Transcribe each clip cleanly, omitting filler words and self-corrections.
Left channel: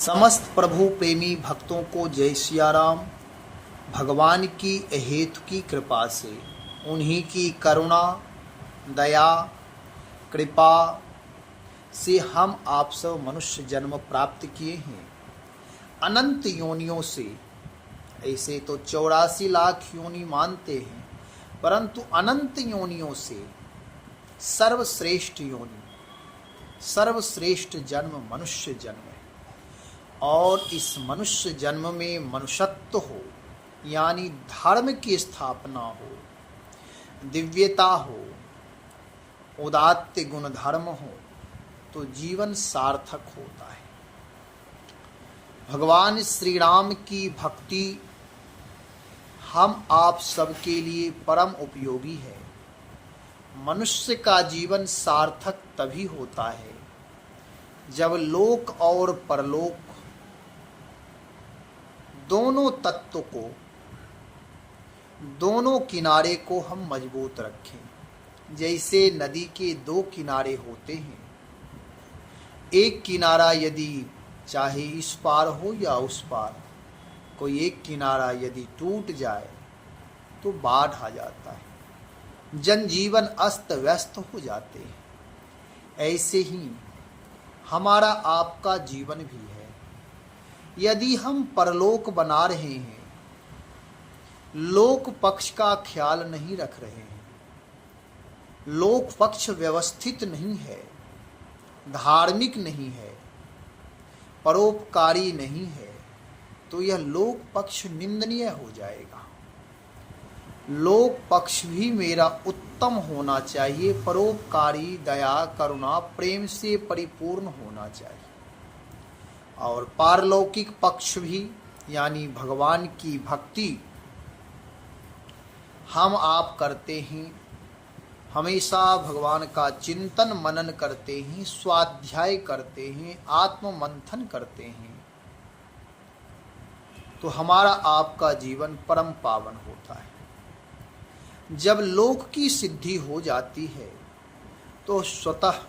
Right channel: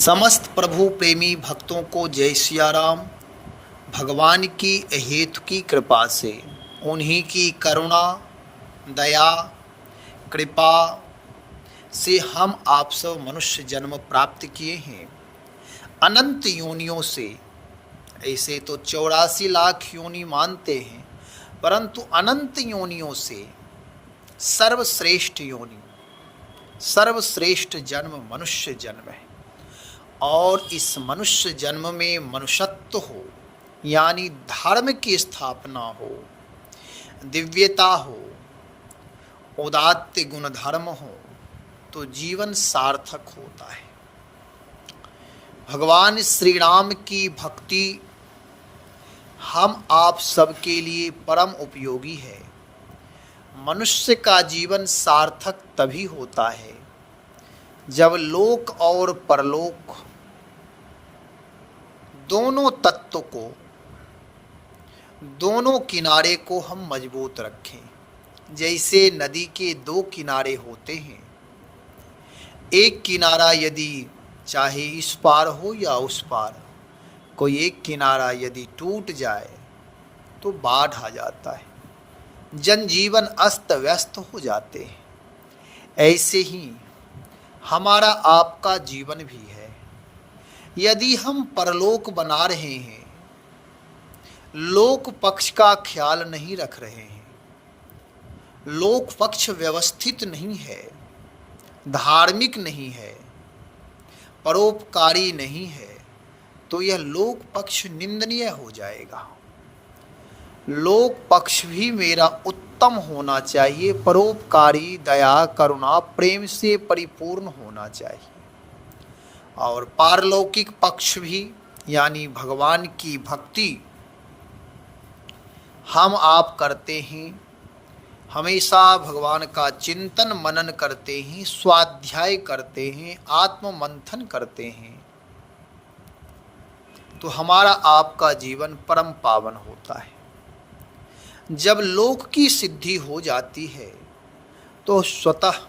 समस्त प्रभु प्रेमी भक्तों को जय सिया राम। भगवान की अहेतु की कृपा से, उन्हीं की करुणा दया कृपा से हम आप सब मनुष्य जन्म प्राप्त किए हैं। अनंत योनियों से, ऐसे तो 84 लाख योनि मानते हैं, परंतु अनंत योनियों से सर्वश्रेष्ठ योनि, सर्वश्रेष्ठ जन्म मनुष्य जन्म है। और इस मनुष्य जन्म में मनुष्यत्व हो, यानी धर्म की स्थापना हो, दिव्यता हो, उदात्त गुण धर्म हो, तो जीवन सार्थक होता है। भगवान श्री राम की भक्ति हम आप सबके लिए परम उपयोगी है। मनुष्य का जीवन सार्थक तभी होता है जब लोक और परलोक दोनों तत्व को, दोनों किनारे को हम मजबूत रखें। जैसे नदी के दो किनारे होते हैं, एक किनारा यदि चाहे इस पार हो या उस पार, कोई एक किनारा यदि टूट जाए तो बाढ़ आ जाता है, जनजीवन अस्त व्यस्त हो जाते हैं। ऐसे ही हमारा आपका जीवन भी है। यदि हम परलोक बना रहे हैं, लोक पक्ष का ख्याल नहीं रख रहे हैं, लोक पक्ष व्यवस्थित नहीं है, धार्मिक नहीं है, परोपकारी नहीं है, तो यह लोक पक्ष निंदनीय हो जाएगा। लोक पक्ष भी मेरा उत्तम होना चाहिए, परोपकारी, दया, करुणा, प्रेम से परिपूर्ण होना चाहिए। और पारलौकिक पक्ष भी, यानी भगवान की भक्ति हम आप करते हैं, हमेशा भगवान का चिंतन मनन करते हैं, स्वाध्याय करते हैं, आत्म मंथन करते हैं, तो हमारा आपका जीवन परम पावन होता है। जब लोक की सिद्धि हो जाती है तो स्वतः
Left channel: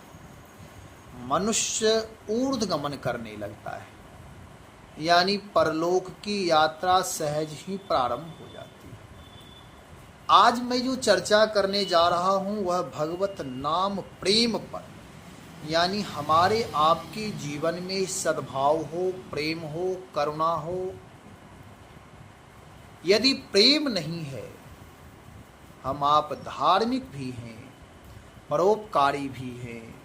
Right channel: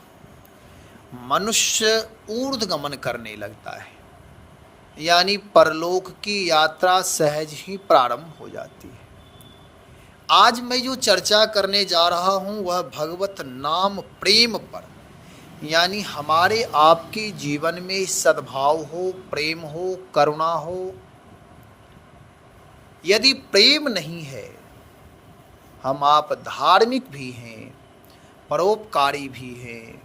मनुष्य ऊर्ध्वगमन करने लगता है, यानी परलोक की यात्रा सहज ही प्रारंभ हो जाती है। आज मैं जो चर्चा करने जा रहा हूँ वह भगवत नाम प्रेम पर, यानी हमारे आपके जीवन में सद्भाव हो, प्रेम हो, करुणा हो। यदि प्रेम नहीं है, हम आप धार्मिक भी हैं, परोपकारी भी हैं,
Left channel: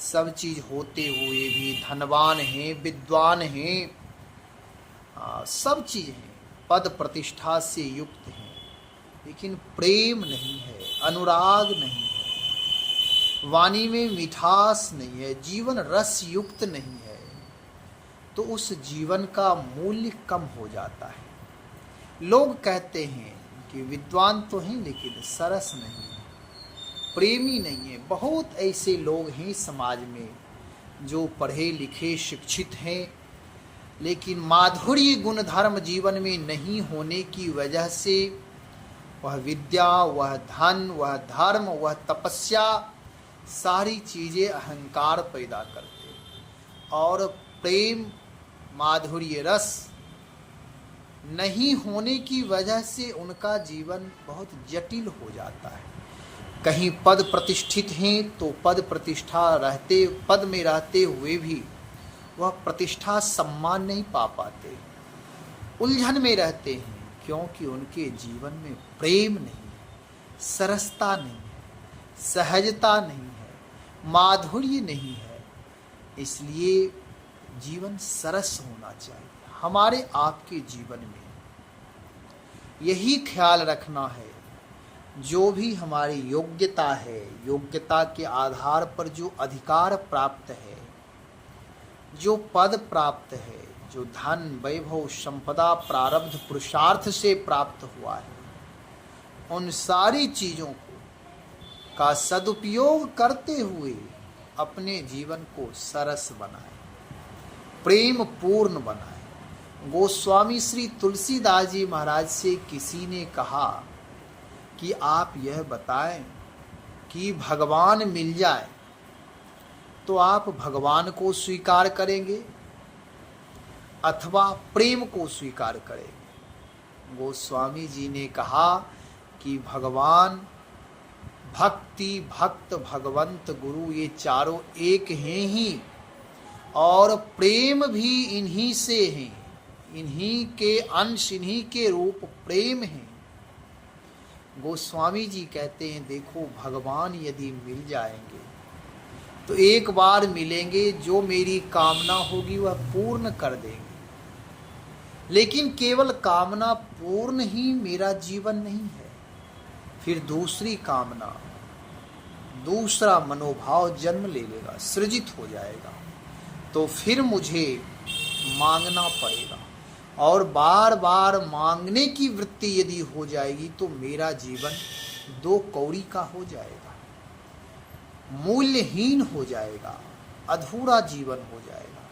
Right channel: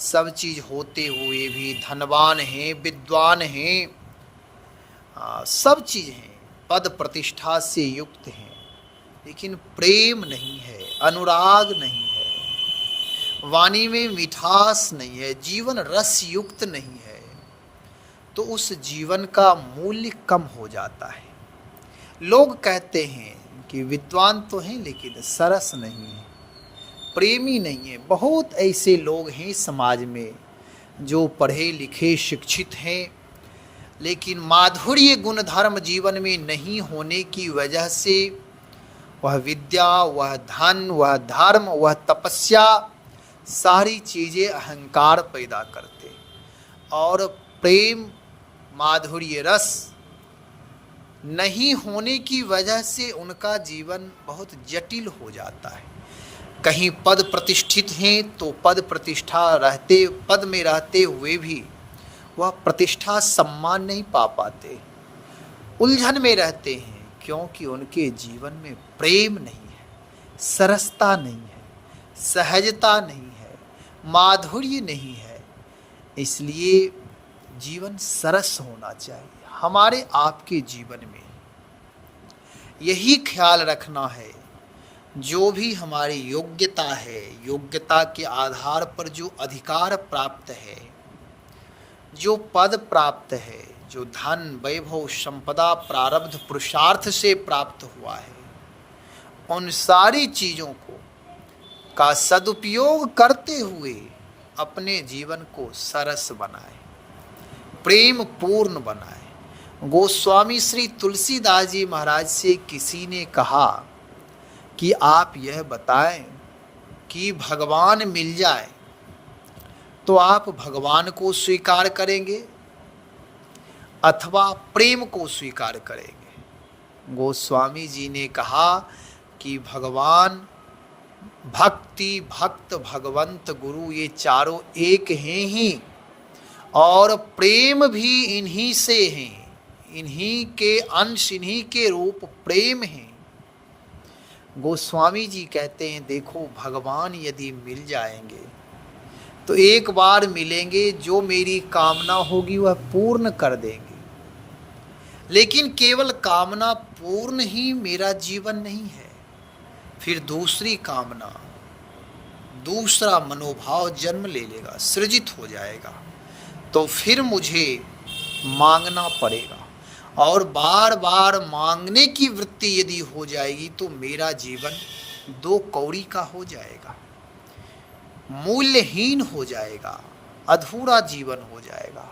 सब चीज होते हुए भी धनवान हैं, विद्वान हैं, सब चीज हैं, पद प्रतिष्ठा से युक्त हैं, लेकिन प्रेम नहीं है, अनुराग नहीं है, वाणी में मिठास नहीं है, जीवन रस युक्त नहीं है, तो उस जीवन का मूल्य कम हो जाता है। लोग कहते हैं कि विद्वान तो हैं लेकिन सरस नहीं है, प्रेमी नहीं है। बहुत ऐसे लोग हैं समाज में जो पढ़े लिखे शिक्षित हैं, लेकिन माधुर्य गुण धर्म जीवन में नहीं होने की वजह से वह विद्या, वह धन, वह धर्म, वह तपस्या, सारी चीज़ें अहंकार पैदा करते, और प्रेम, माधुर्य रस नहीं होने की वजह से उनका जीवन बहुत जटिल हो जाता है। कहीं पद प्रतिष्ठित हैं तो पद प्रतिष्ठा रहते, पद में रहते हुए भी वह प्रतिष्ठा सम्मान नहीं पा पाते, उलझन में रहते हैं, क्योंकि उनके जीवन में प्रेम नहीं है, सरसता नहीं है, सहजता नहीं है, माधुर्य नहीं है। इसलिए जीवन सरस होना चाहिए। हमारे आपके जीवन में यही ख्याल रखना है, जो भी हमारी योग्यता है, योग्यता के आधार पर जो अधिकार प्राप्त है, जो पद प्राप्त है, जो धन, वैभव, संपदा प्रारब्ध पुरुषार्थ से प्राप्त हुआ है, उन सारी चीज़ों को का सदुपयोग करते हुए अपने जीवन को सरस बनाए, प्रेम पूर्ण बनाए। गोस्वामी श्री तुलसीदास जी महाराज से किसी ने कहा कि आप यह बताएं कि भगवान मिल जाए तो आप भगवान को स्वीकार करेंगे अथवा प्रेम को स्वीकार करेंगे। गोस्वामी जी ने कहा कि भगवान, भक्ति, भक्त, भगवंत, गुरु, ये चारों एक हैं ही, और प्रेम भी इन्हीं से हैं, इन्हीं के अंश, इन्हीं के रूप प्रेम हैं। गोस्वामी जी कहते हैं देखो, भगवान यदि मिल जाएंगे तो एक बार मिलेंगे, जो मेरी कामना होगी वह पूर्ण कर देंगे। लेकिन केवल कामना पूर्ण ही मेरा जीवन नहीं है, फिर दूसरी कामना, दूसरा मनोभाव जन्म ले लेगा, सृजित हो जाएगा, तो फिर मुझे मांगना पड़ेगा। और बार बार मांगने की वृत्ति यदि हो जाएगी तो मेरा जीवन दो कौड़ी का हो जाएगा, मूल्यहीन हो जाएगा, अधूरा जीवन हो जाएगा।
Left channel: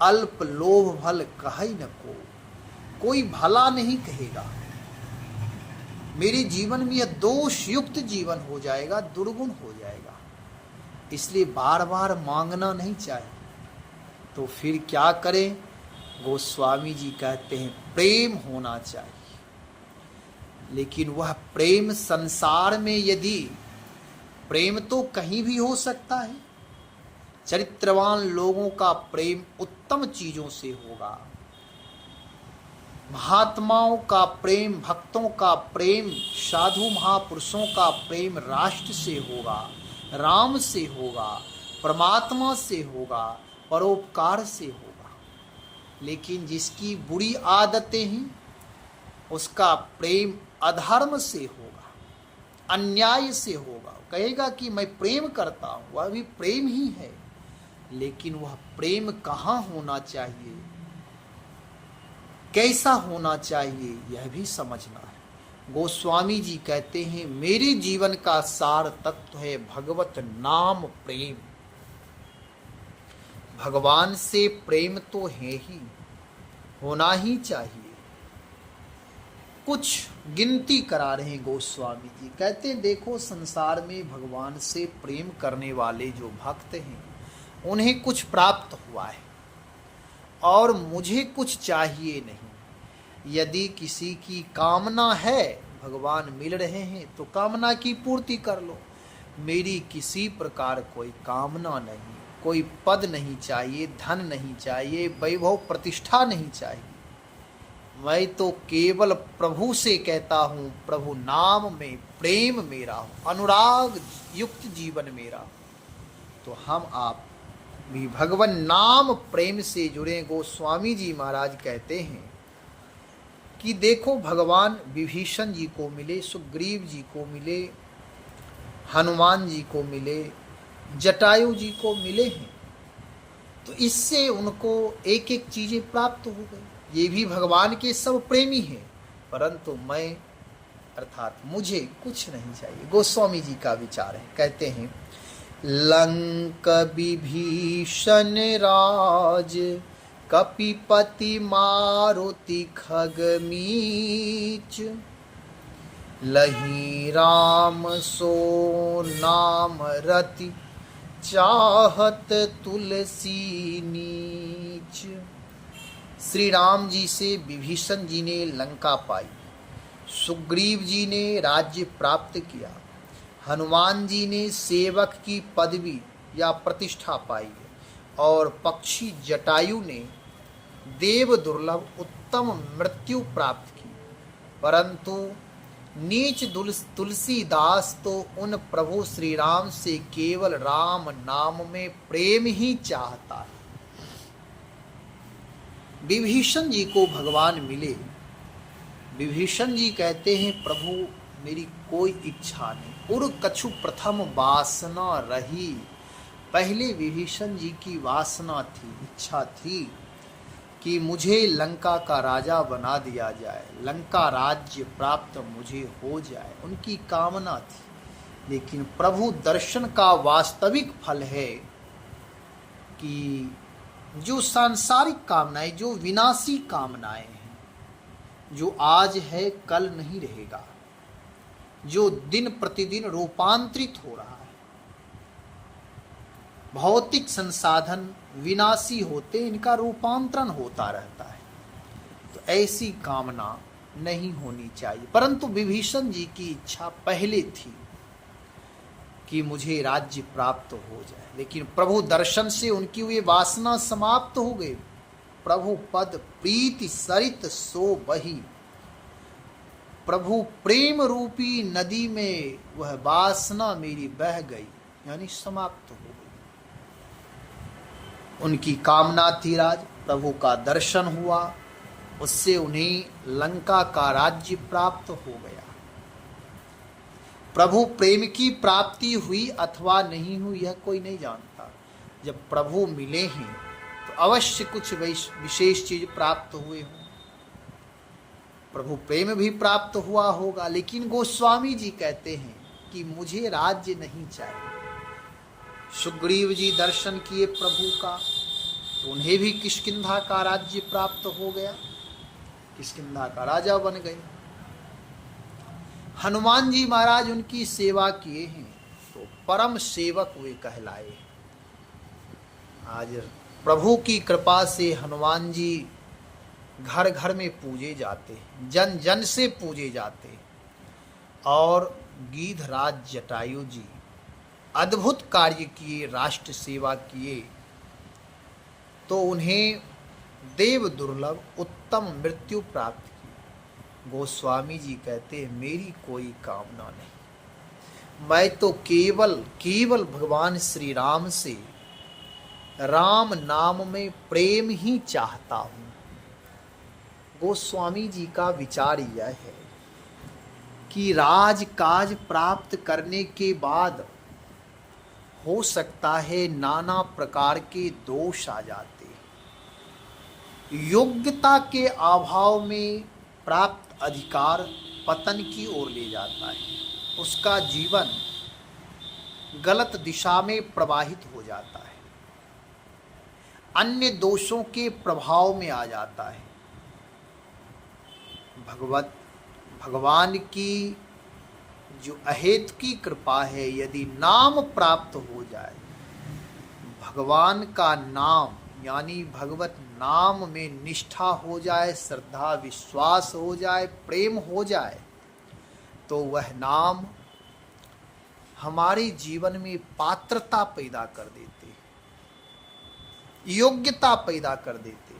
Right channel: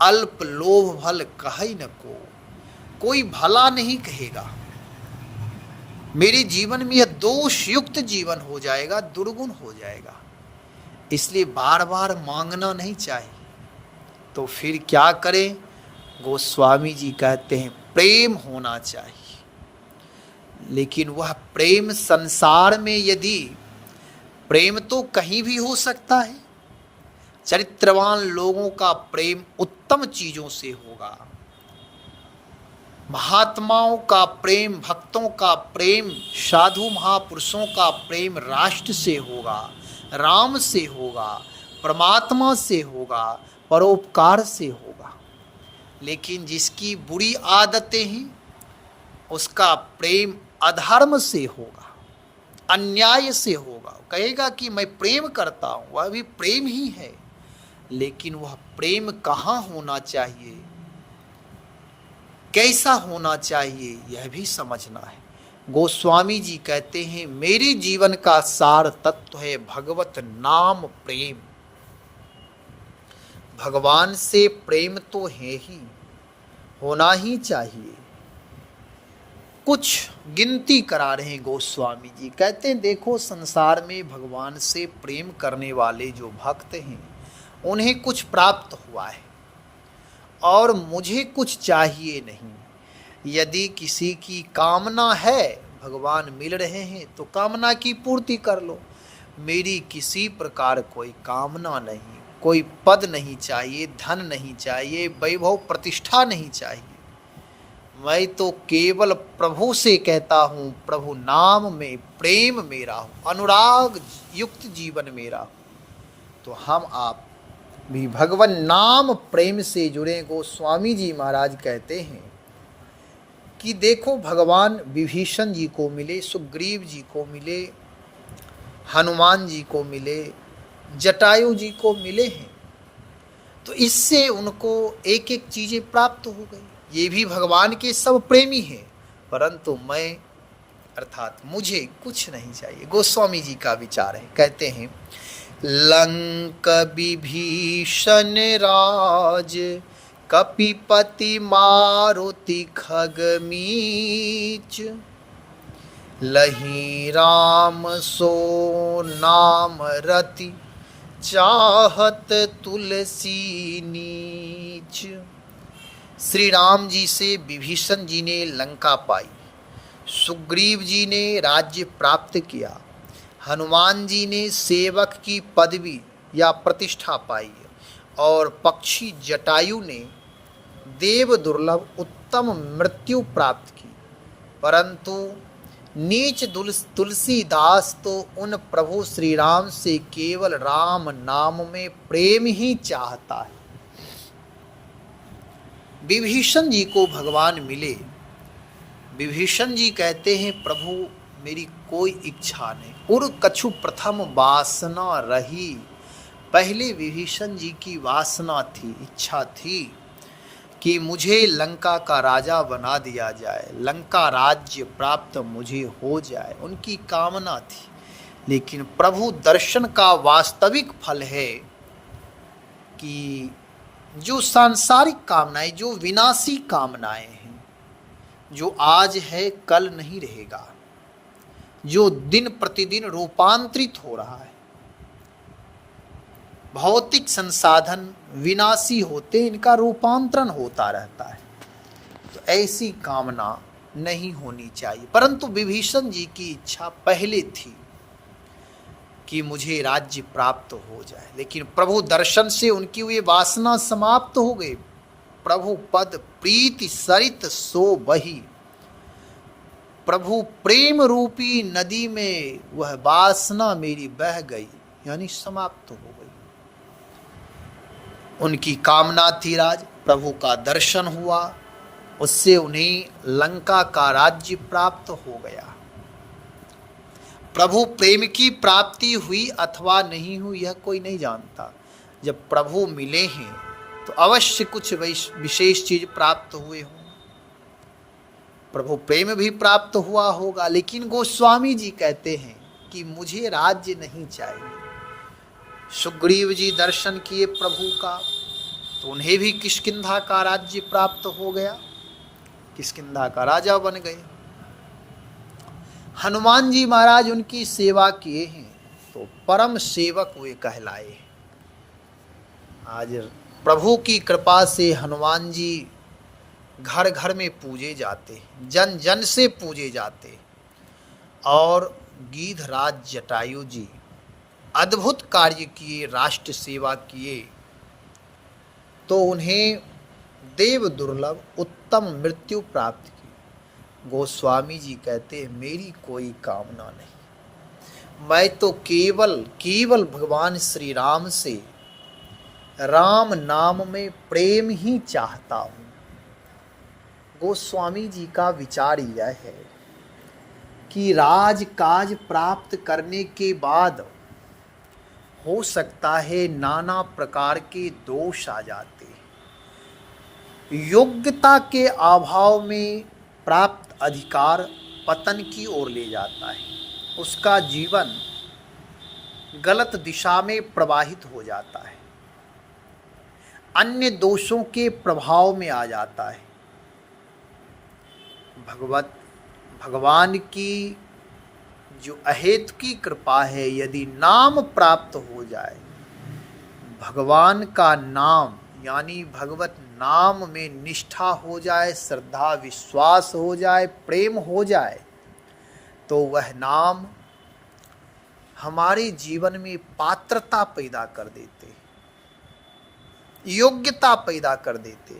अल्प लोभ भल कहि न को, कोई भला नहीं कहेगा। मेरे जीवन में यह दोष युक्त जीवन हो जाएगा, दुर्गुण हो जाएगा। इसलिए बार बार मांगना नहीं चाहिए। तो फिर क्या करें? गोस्वामी जी कहते हैं प्रेम होना चाहिए। लेकिन वह प्रेम संसार में, यदि प्रेम तो कहीं भी हो सकता है, चरित्रवान लोगों का प्रेम उत्तम चीजों से होगा, महात्माओं का प्रेम, भक्तों का प्रेम, साधु महापुरुषों का प्रेम राष्ट्र से होगा, राम से होगा, परमात्मा से होगा, परोपकार से होगा। लेकिन जिसकी बुरी आदतें हैं उसका प्रेम अधर्म से होगा, अन्याय से होगा। कहेगा कि मैं प्रेम करता हूँ, वह भी प्रेम ही है, लेकिन वह प्रेम कहाँ होना चाहिए, कैसा होना चाहिए, यह भी समझना है। गोस्वामी जी कहते हैं मेरे जीवन का सार तत्व है भगवत नाम प्रेम। भगवान से प्रेम तो है ही, होना ही चाहिए। कुछ गिनती करा रहे हैं गोस्वामी जी, कहते हैं देखो, संसार में भगवान से प्रेम करने वाले जो भक्त हैं उन्हें कुछ प्राप्त हुआ है और मुझे कुछ चाहिए नहीं। यदि किसी की कामना है, भगवान मिल रहे हैं तो कामना की पूर्ति कर लो। मेरी किसी प्रकार कोई कामना नहीं, कोई पद नहीं चाहिए, धन नहीं चाहिए, वैभव प्रतिष्ठा नहीं चाहिए। मैं तो केवल प्रभु से कहता हूँ, प्रभु नाम में प्रेम मेरा हो, अनुराग युक्त जीवन मेरा हो। तो हम आप भी भगवान नाम प्रेम से जुड़े। गोस्वामी जी महाराज कहते हैं कि देखो, भगवान विभीषण जी को मिले, सुग्रीव जी को मिले, हनुमान जी को मिले, जटायु जी को मिले हैं, तो इससे उनको एक एक चीजें प्राप्त हो गई। ये भी भगवान के सब प्रेमी हैं, परंतु मैं अर्थात मुझे कुछ नहीं चाहिए। गोस्वामी जी का विचार है, कहते हैं लंक विभीषण राज, कपिपति मारुति खगमीच, लही राम सो नाम रति, चाहत तुलसी नीच। श्री राम जी से विभीषण जी ने लंका पाई, सुग्रीव जी ने राज्य प्राप्त किया, हनुमान जी ने सेवक की पदवी या प्रतिष्ठा पाई है, और पक्षी जटायु ने देव दुर्लभ उत्तम मृत्यु प्राप्त की। परंतु नीच तुलसीदास तो उन प्रभु श्री राम से केवल राम नाम में प्रेम ही चाहता है। विभीषण जी को भगवान मिले। विभीषण जी कहते हैं प्रभु मेरी कोई इच्छा नहीं, उर कछु प्रथम वासना रही। पहले विभीषण जी की वासना थी, इच्छा थी कि मुझे लंका का राजा बना दिया जाए, लंका राज्य प्राप्त मुझे हो जाए, उनकी कामना थी। लेकिन प्रभु दर्शन का वास्तविक फल है कि जो सांसारिक कामनाएं, जो विनाशी कामनाएं हैं, जो आज है कल नहीं रहेगा, जो दिन प्रतिदिन रूपांतरित हो रहा है, भौतिक संसाधन विनाशी होते, इनका रूपांतरण होता रहता है। तो ऐसी कामना नहीं होनी चाहिए। परंतु विभीषण जी की इच्छा पहले थी कि मुझे राज्य प्राप्त हो जाए, लेकिन प्रभु दर्शन से उनकी हुई वासना समाप्त हो गई। प्रभु पद प्रीति सरित सो बही, प्रभु प्रेम रूपी नदी में वह वासना मेरी बह गई, यानी समाप्त हो गई। उनकी कामना थी राज, प्रभु का दर्शन हुआ, उससे उन्हें लंका का राज्य प्राप्त हो गया। प्रभु प्रेम की प्राप्ति हुई अथवा नहीं हुई यह कोई नहीं जानता। जब प्रभु मिले हैं तो अवश्य कुछ विशेष चीज प्राप्त हुए हों। प्रभु प्रेम भी प्राप्त हुआ होगा, लेकिन गोस्वामी जी कहते हैं कि मुझे राज्य नहीं चाहिए। सुग्रीव जी दर्शन किए प्रभु का, तो उन्हें भी किष्किंधा का राज्य प्राप्त हो गया, किष्किंधा का राजा बन गए। हनुमान जी महाराज उनकी सेवा किए हैं तो परम सेवक वे कहलाए। आज प्रभु की कृपा से हनुमान जी घर घर में पूजे जाते, जन जन से पूजे जाते। और गीधराज जटायु जी अद्भुत कार्य किए, राष्ट्र सेवा किए, तो उन्हें देव दुर्लभ उत्तम मृत्यु प्राप्त की। गोस्वामी जी कहते हैं मेरी कोई कामना नहीं, मैं तो केवल भगवान श्री राम से राम नाम में प्रेम ही चाहता हूँ। गोस्वामी जी का विचार यह है कि राज काज प्राप्त करने के बाद हो सकता है नाना प्रकार के दोष आ जाते, योग्यता के अभाव में प्राप्त अधिकार पतन की ओर ले जाता है, उसका जीवन गलत दिशा में प्रवाहित हो जाता है, अन्य दोषों के प्रभाव में आ जाता है। भगवान की जो अहेतु की कृपा है, यदि नाम प्राप्त हो जाए, भगवान का नाम यानी भगवत नाम में निष्ठा हो जाए, श्रद्धा विश्वास हो जाए, प्रेम हो जाए, तो वह नाम हमारे जीवन में पात्रता पैदा कर देते, योग्यता पैदा कर देते।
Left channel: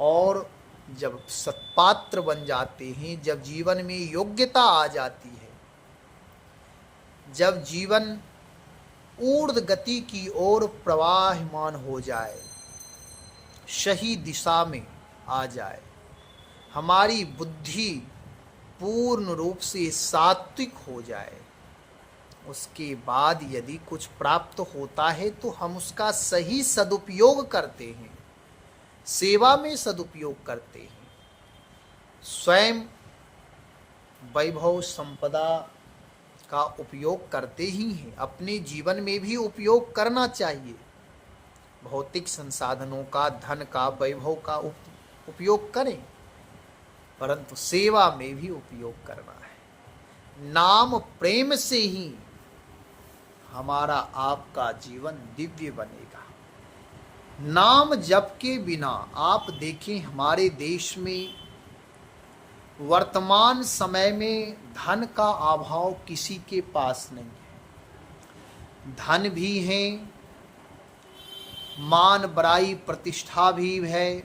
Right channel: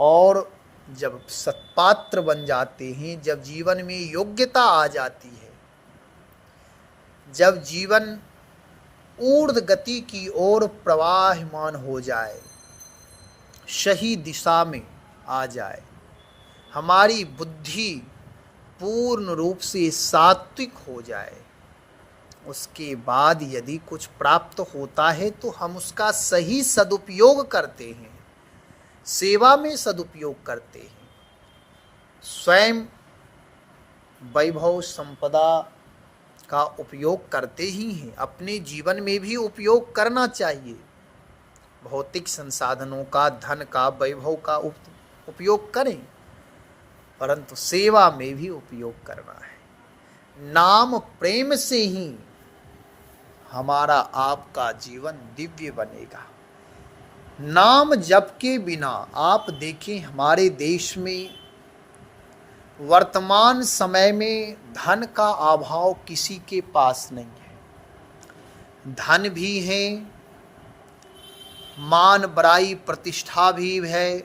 और जब सत्पात्र बन जाते हैं, जब जीवन में योग्यता आ जाती है, जब जीवन ऊर्ध्व गति की ओर प्रवाहमान हो जाए, सही दिशा में आ जाए, हमारी बुद्धि पूर्ण रूप से सात्विक हो जाए, उसके बाद यदि कुछ प्राप्त होता है तो हम उसका सही सदुपयोग करते हैं, सेवा में सदुपयोग करते हैं, स्वयं वैभव संपदा का उपयोग करते ही हैं, अपने जीवन में भी उपयोग करना चाहिए। भौतिक संसाधनों का, धन का, वैभव का उपयोग करें, परंतु सेवा में भी उपयोग करना है। नाम प्रेम से ही हमारा आपका जीवन दिव्य बनेगा। नाम जप के बिना आप देखें, हमारे देश में वर्तमान समय में धन का अभाव किसी के पास नहीं है। धन भी है, मान बड़ाई प्रतिष्ठा भी है,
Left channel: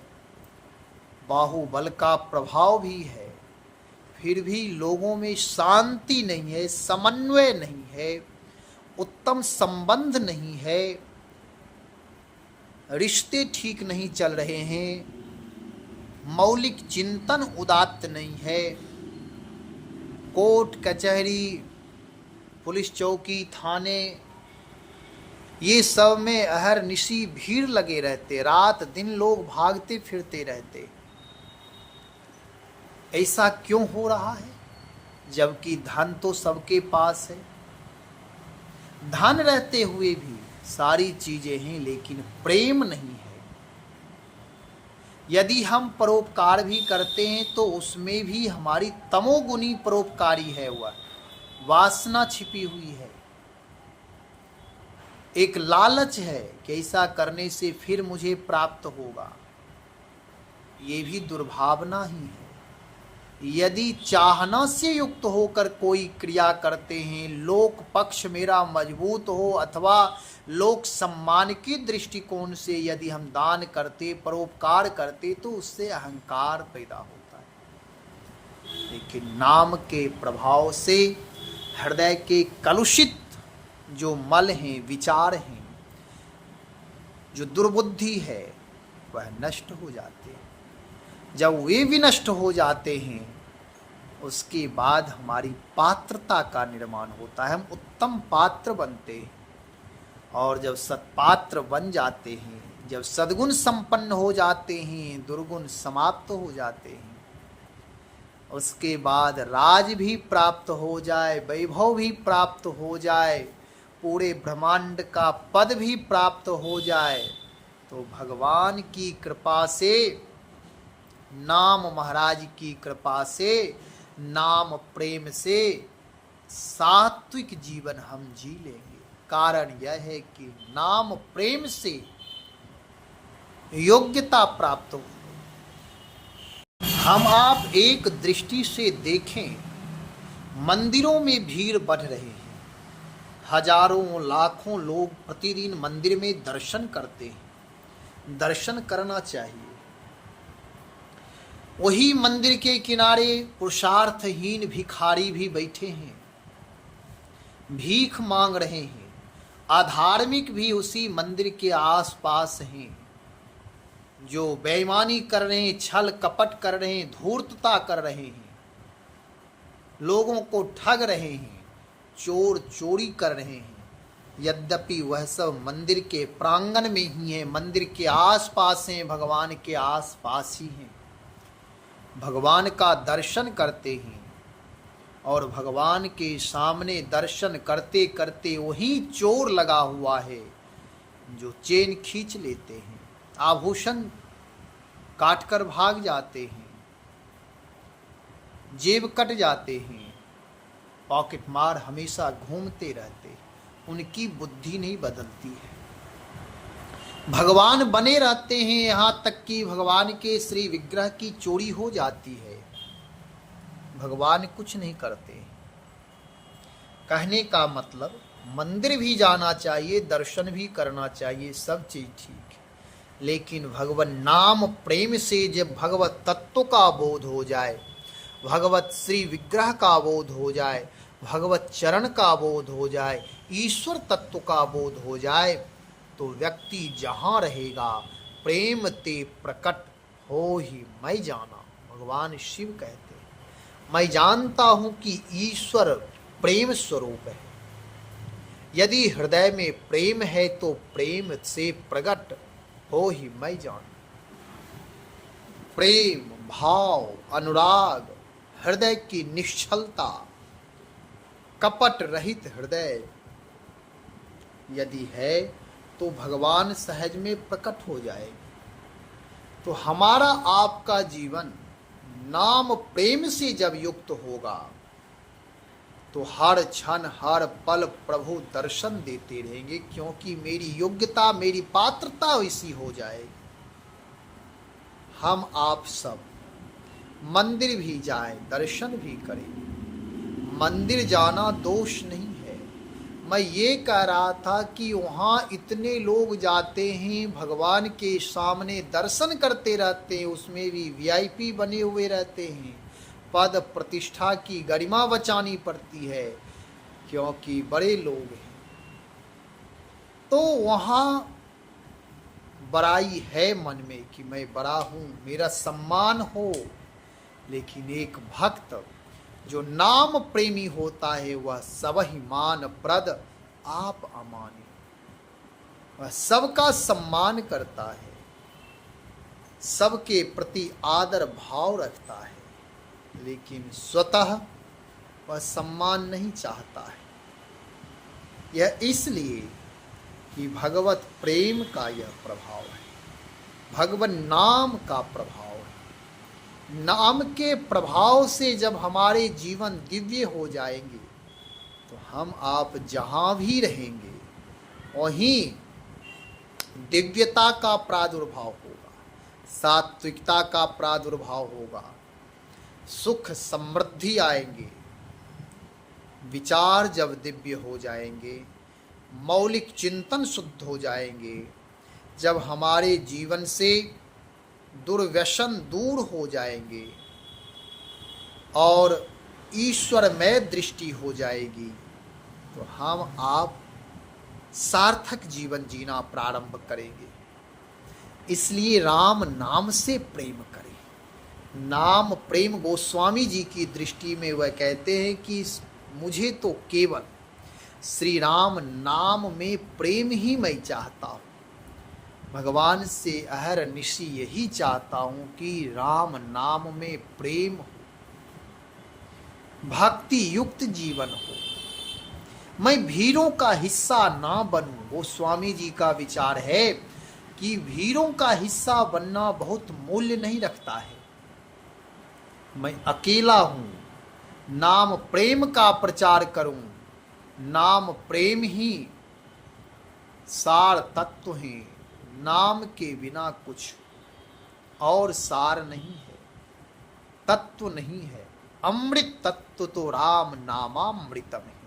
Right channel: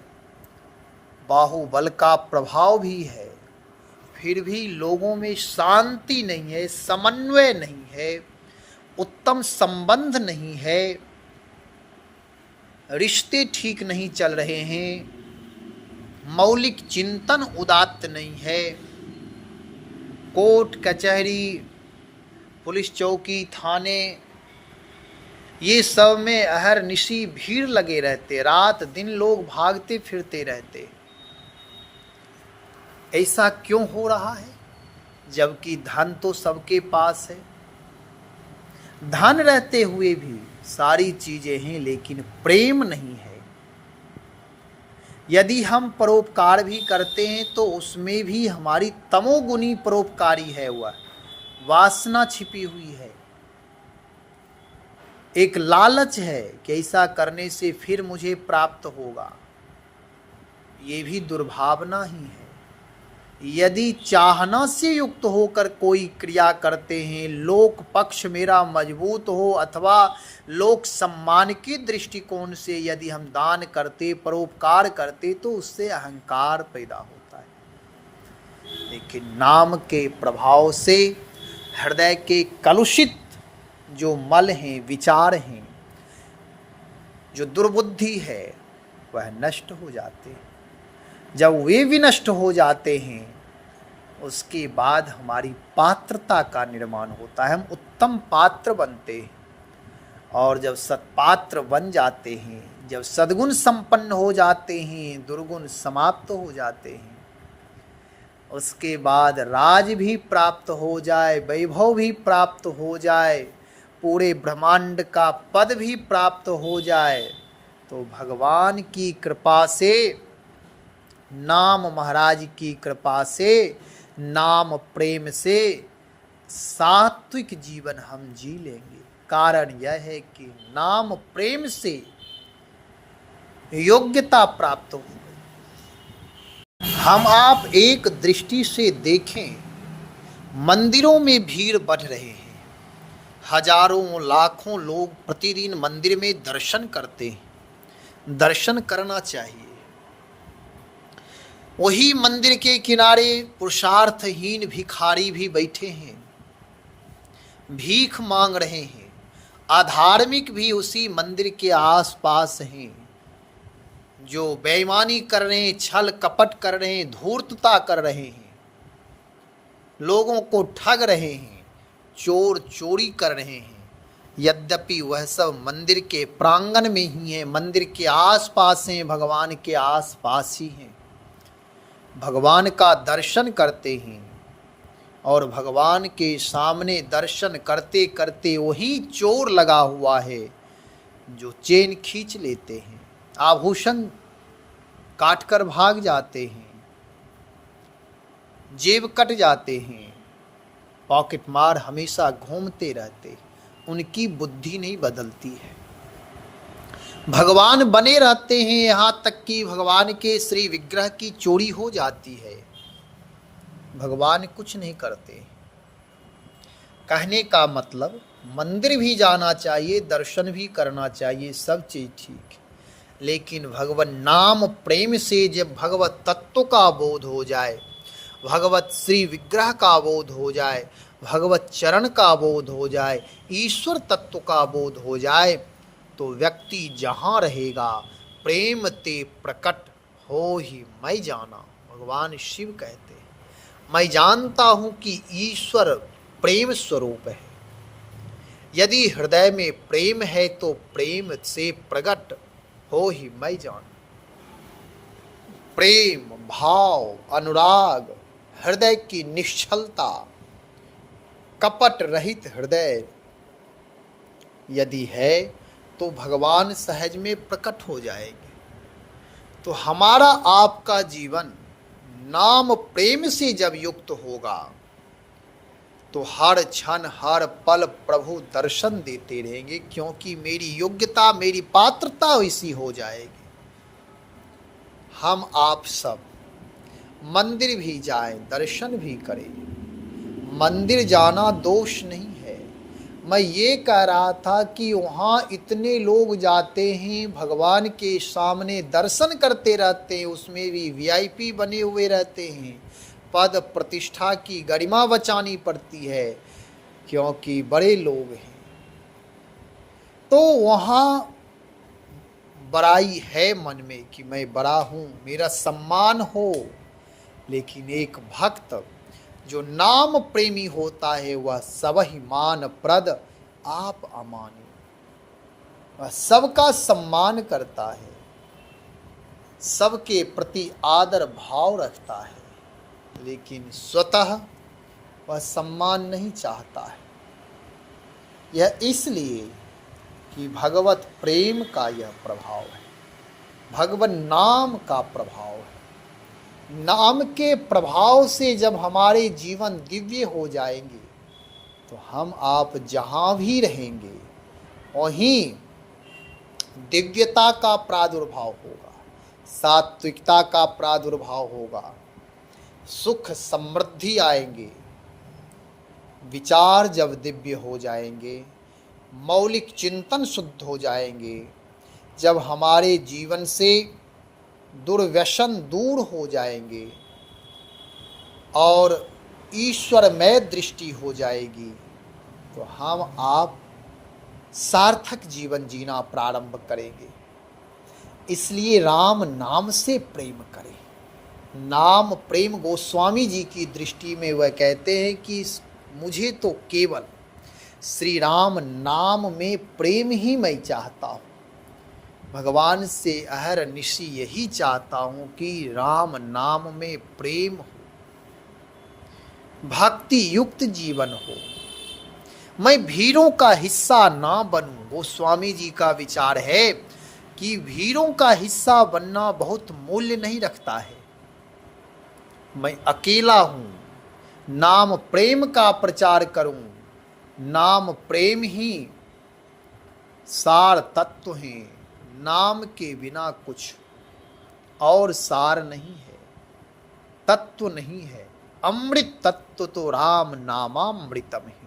बाहुबल का प्रभाव भी है, फिर भी लोगों में शांति नहीं है, समन्वय नहीं है, उत्तम संबंध नहीं है, रिश्ते ठीक नहीं चल रहे हैं, मौलिक चिंतन उदात्त नहीं है, कोर्ट कचहरी पुलिस चौकी थाने ये सब में अहरनिशी भीड़ लगे रहते, रात दिन लोग भागते फिरते रहते। ऐसा क्यों हो रहा है? जबकि धन तो सबके पास है, धन रहते हुए भी सारी चीजें हैं, लेकिन प्रेम नहीं है। यदि हम परोपकार भी करते हैं तो उसमें भी हमारी तमोगुनी परोपकारी है, वह वासना छिपी हुई है। एक लालच है कि ऐसा करने से फिर मुझे प्राप्त होगा, ये भी दुर्भावना ही है। यदि चाहना से युक्त होकर कोई क्रिया करते हैं, लोक पक्ष मेरा मजबूत हो अथवा लोक सम्मान के दृष्टिकोण से यदि हम दान करते, परोपकार करते, तो उससे अहंकार पैदा होता है। लेकिन नाम के प्रभाव से हृदय के कलुषित जो मल हैं, विचार हैं, जो दुर्बुद्धि है, वह नष्ट हो जाते हैं। जब वे भी नष्ट हो जाते हैं, उसके बाद हमारी पात्रता का निर्माण होता है, हम उत्तम पात्र बनते हैं। और जब सत्पात्र बन जाते हैं, जब सद्गुण संपन्न हो जाते हैं, दुर्गुण समाप्त हो जाते हैं, उसके बाद राज भी प्राप्त हो जाए, वैभव भी प्राप्त हो जाए, पूरे ब्रह्मांड का पद भी प्राप्त हो जाए, तो भगवान की कृपा से, नाम महाराज की कृपा से, नाम प्रेम से सात्विक जीवन हम जी लेंगे। कारण यह है कि नाम प्रेम से योग्यता प्राप्त हो गई। हम आप एक दृष्टि से देखें, मंदिरों में भीड़ बढ़ रहे हैं, हजारों लाखों लोग प्रतिदिन मंदिर में दर्शन करते हैं। दर्शन करना चाहिए। वही मंदिर के किनारे पुरुषार्थहीन भिखारी भी बैठे हैं, भीख मांग रहे हैं। अधार्मिक भी उसी मंदिर के आसपास हैं, जो बेईमानी कर रहे हैं, छल कपट कर रहे हैं, धूर्तता कर रहे हैं, लोगों को ठग रहे हैं, चोर चोरी कर रहे हैं। यद्यपि वह सब मंदिर के प्रांगण में ही हैं, मंदिर के आसपास हैं, भगवान के आसपास ही हैं, भगवान का दर्शन करते हैं। और भगवान के सामने दर्शन करते करते वही चोर लगा हुआ है जो चेन खींच लेते हैं, आभूषण काट कर भाग जाते हैं, जेब कट जाते हैं, पॉकेट मार हमेशा घूमते रहते हैं। उनकी बुद्धि नहीं बदलती है। भगवान बने रहते हैं, यहाँ तक कि भगवान के श्री विग्रह की चोरी हो जाती है, भगवान कुछ नहीं करते। कहने का मतलब, मंदिर भी जाना चाहिए, दर्शन भी करना चाहिए, सब चीज ठीक है, लेकिन भगवान नाम प्रेम से जब भगवत तत्व का बोध हो जाए, भगवत श्री विग्रह का बोध हो जाए, भगवत चरण का बोध हो जाए, ईश्वर तत्व का बोध हो जाए, तो व्यक्ति जहाँ रहेगा प्रेम ते प्रकट हो ही मैं जाना। भगवान शिव कहते, मैं जानता हूं कि ईश्वर प्रेम स्वरूप है। यदि हृदय में प्रेम है तो प्रेम से प्रकट हो ही मैं जान। प्रेम, भाव, अनुराग, हृदय की निश्चलता, कपट रहित हृदय यदि है तो भगवान सहज में प्रकट हो जाएंगे। तो हमारा आपका जीवन नाम प्रेम से जब युक्त होगा तो हर क्षण हर पल प्रभु दर्शन देते रहेंगे, क्योंकि मेरी योग्यता, मेरी पात्रता वैसी हो जाएगी। हम आप सब मंदिर भी जाएं, दर्शन भी करें। मंदिर जाना दोष नहीं है। मैं ये कह रहा था कि वहाँ इतने लोग जाते हैं, भगवान के सामने दर्शन करते रहते हैं, उसमें भी वीआईपी बने हुए रहते हैं, पद प्रतिष्ठा की गरिमा बचानी पड़ती है क्योंकि बड़े लोग हैं। तो वहाँ बड़ाई है मन में कि मैं बड़ा हूँ, मेरा सम्मान हो। लेकिन एक भक्त जो नाम प्रेमी होता है वह सब ही मान प्रद आप अमान्य, वह सबका सम्मान करता है, सबके प्रति आदर भाव रखता है, लेकिन स्वतः वह सम्मान नहीं चाहता है। यह इसलिए कि भगवत प्रेम का यह प्रभाव है, भगवत नाम का प्रभाव है। नाम के प्रभाव से जब हमारे जीवन दिव्य हो जाएंगे तो हम आप जहाँ भी रहेंगे वहीं दिव्यता का प्रादुर्भाव होगा, सात्विकता का प्रादुर्भाव होगा, सुख समृद्धि आएंगे। विचार जब दिव्य हो जाएंगे, मौलिक चिंतन शुद्ध हो जाएंगे, जब हमारे जीवन से दुर्व्यसन दूर हो जाएंगे और ईश्वरमय दृष्टि हो जाएगी, तो हम आप सार्थक जीवन जीना प्रारंभ करेंगे। इसलिए राम नाम से प्रेम करें। नाम प्रेम, गोस्वामी जी की दृष्टि में वह कहते हैं कि मुझे तो केवल श्री राम नाम में प्रेम ही मैं चाहता हूँ। भगवान से अहरनिशि यही चाहता हूँ कि राम नाम में प्रेम हो, भक्ति युक्त जीवन हो, मैं भीड़ों का हिस्सा ना बनूं। गोस्वामी जी का विचार है कि भीड़ों का हिस्सा बनना बहुत मूल्य नहीं रखता है। मैं अकेला हूं, नाम प्रेम का प्रचार करूं। नाम प्रेम ही सार तत्व है, नाम के बिना कुछ और सार नहीं है, तत्व नहीं है। अमृत तत्व तो राम नामामृतम है।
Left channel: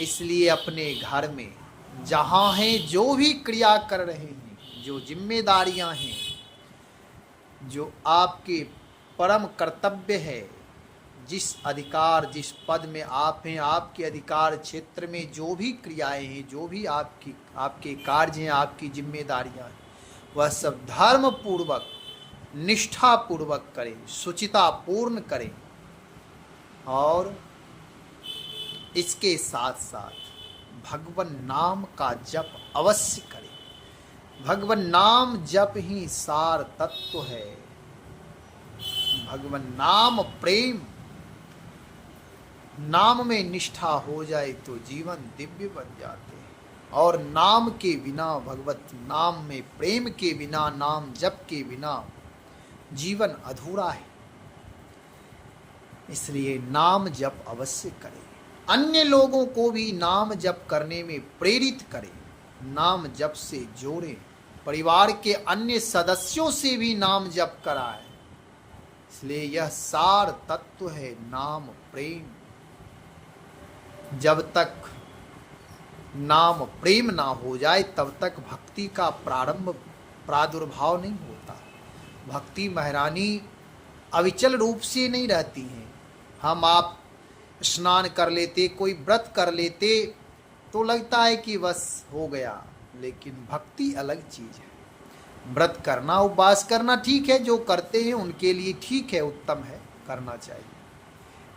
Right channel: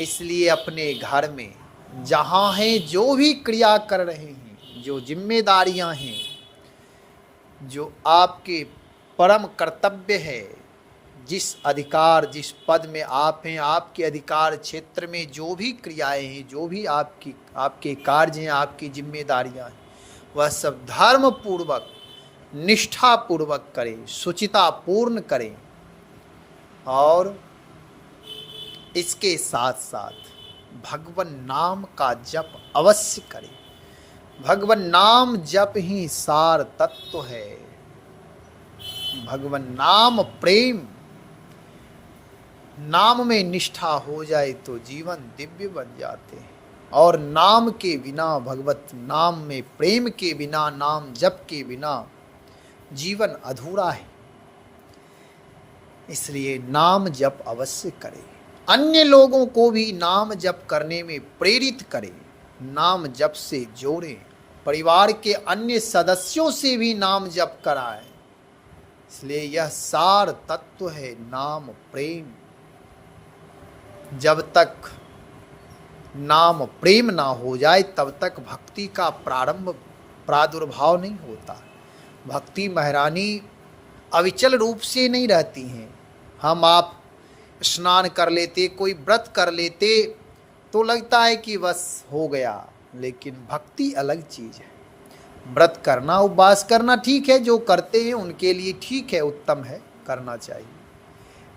इसलिए अपने घर में जहाँ हैं, जो भी क्रिया कर रहे हैं, जो जिम्मेदारियां हैं, जो आपके परम कर्तव्य है, जिस अधिकार, जिस पद में आप हैं, आपके अधिकार क्षेत्र में जो भी क्रियाएं हैं, जो भी आपके कार्य हैं, आपकी जिम्मेदारियां हैं, वह सब धर्म पूर्वक, निष्ठा पूर्वक करें, शुचिता पूर्ण करें। और इसके साथ साथ भगवान नाम का जप अवश्य करें। भगवान नाम जप ही सार तत्व है। भगवान नाम प्रेम, नाम में निष्ठा हो जाए तो जीवन दिव्य बन जाते हैं। और नाम के बिना, भगवत नाम में प्रेम के बिना, नाम जप के बिना जीवन अधूरा है। इसलिए नाम जप अवश्य करें। अन्य लोगों को भी नाम जप करने में प्रेरित करें, नाम जप से जोड़ें। परिवार के अन्य सदस्यों से भी नाम जप कराएं। इसलिए यह सार तत्व है नाम प्रेम। जब तक नाम प्रेम ना हो जाए तब तक भक्ति का प्रादुर्भाव नहीं होता। भक्ति महारानी अविचल रूप से नहीं रहती हैं। हम आप स्नान कर लेते, कोई व्रत कर लेते तो लगता है कि बस हो गया, लेकिन भक्ति अलग चीज है। व्रत करना, उपवास करना ठीक है, जो करते हैं उनके लिए ठीक है, उत्तम है, करना चाहिए।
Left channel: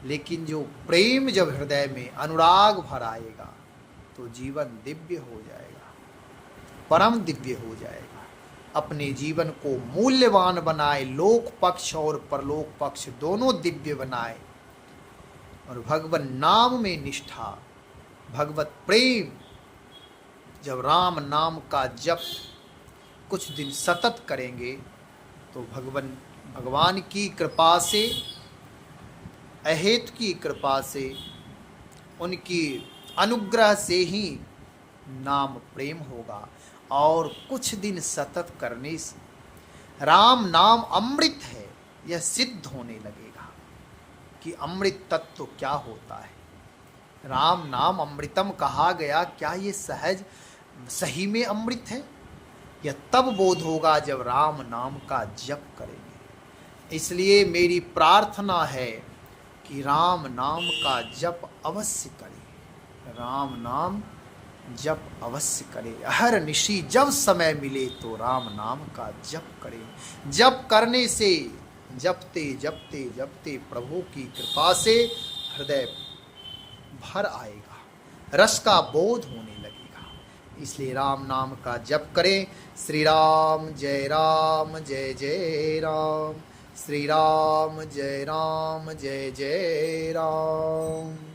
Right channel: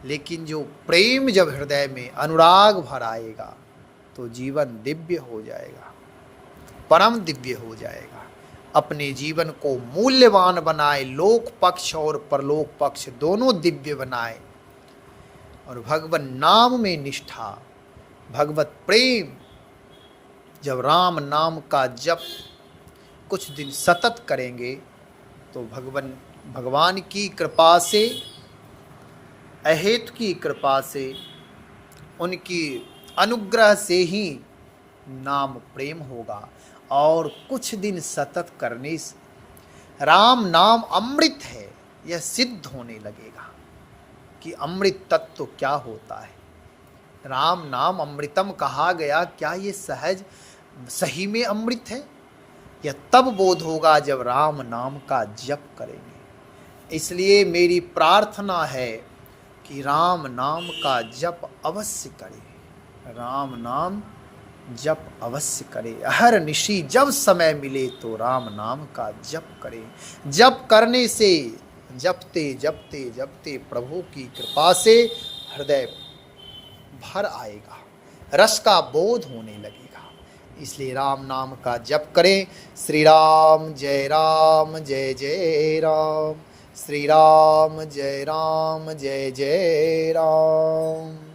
लेकिन जो प्रेम जब हृदय में अनुराग भर आएगा तो जीवन दिव्य हो जाएगा, परम दिव्य हो जाएगा। अपने जीवन को मूल्यवान बनाए, लोक पक्ष और परलोक पक्ष दोनों दिव्य बनाए। और भगवान नाम में निष्ठा, भगवत प्रेम, जब राम नाम का जप कुछ दिन सतत करेंगे तो भगवान की कृपा से, अहेतु की कृपा से, उनकी अनुग्रह से ही नाम प्रेम होगा। और कुछ दिन सतत करने से राम नाम अमृत है, यह सिद्ध होने लगेगा कि अमृत तत्व क्या होता है। राम नाम अमृतम कहा गया, क्या ये सहज सही में अमृत है? यह तब बोध होगा जब राम नाम का जप करेंगे। इसलिए मेरी प्रार्थना है कि राम नाम का जप अवश्य करें, राम नाम जप अवश्य करें। हर निशी जब समय मिले तो राम नाम का जप करें। जप करने से, जपते जपते जपते प्रभु की कृपा से हृदय भर आएगा, रस का बोध होने लगेगा। इसलिए राम नाम का जप करें। श्री राम जय जय राम, श्री राम जय जय राम।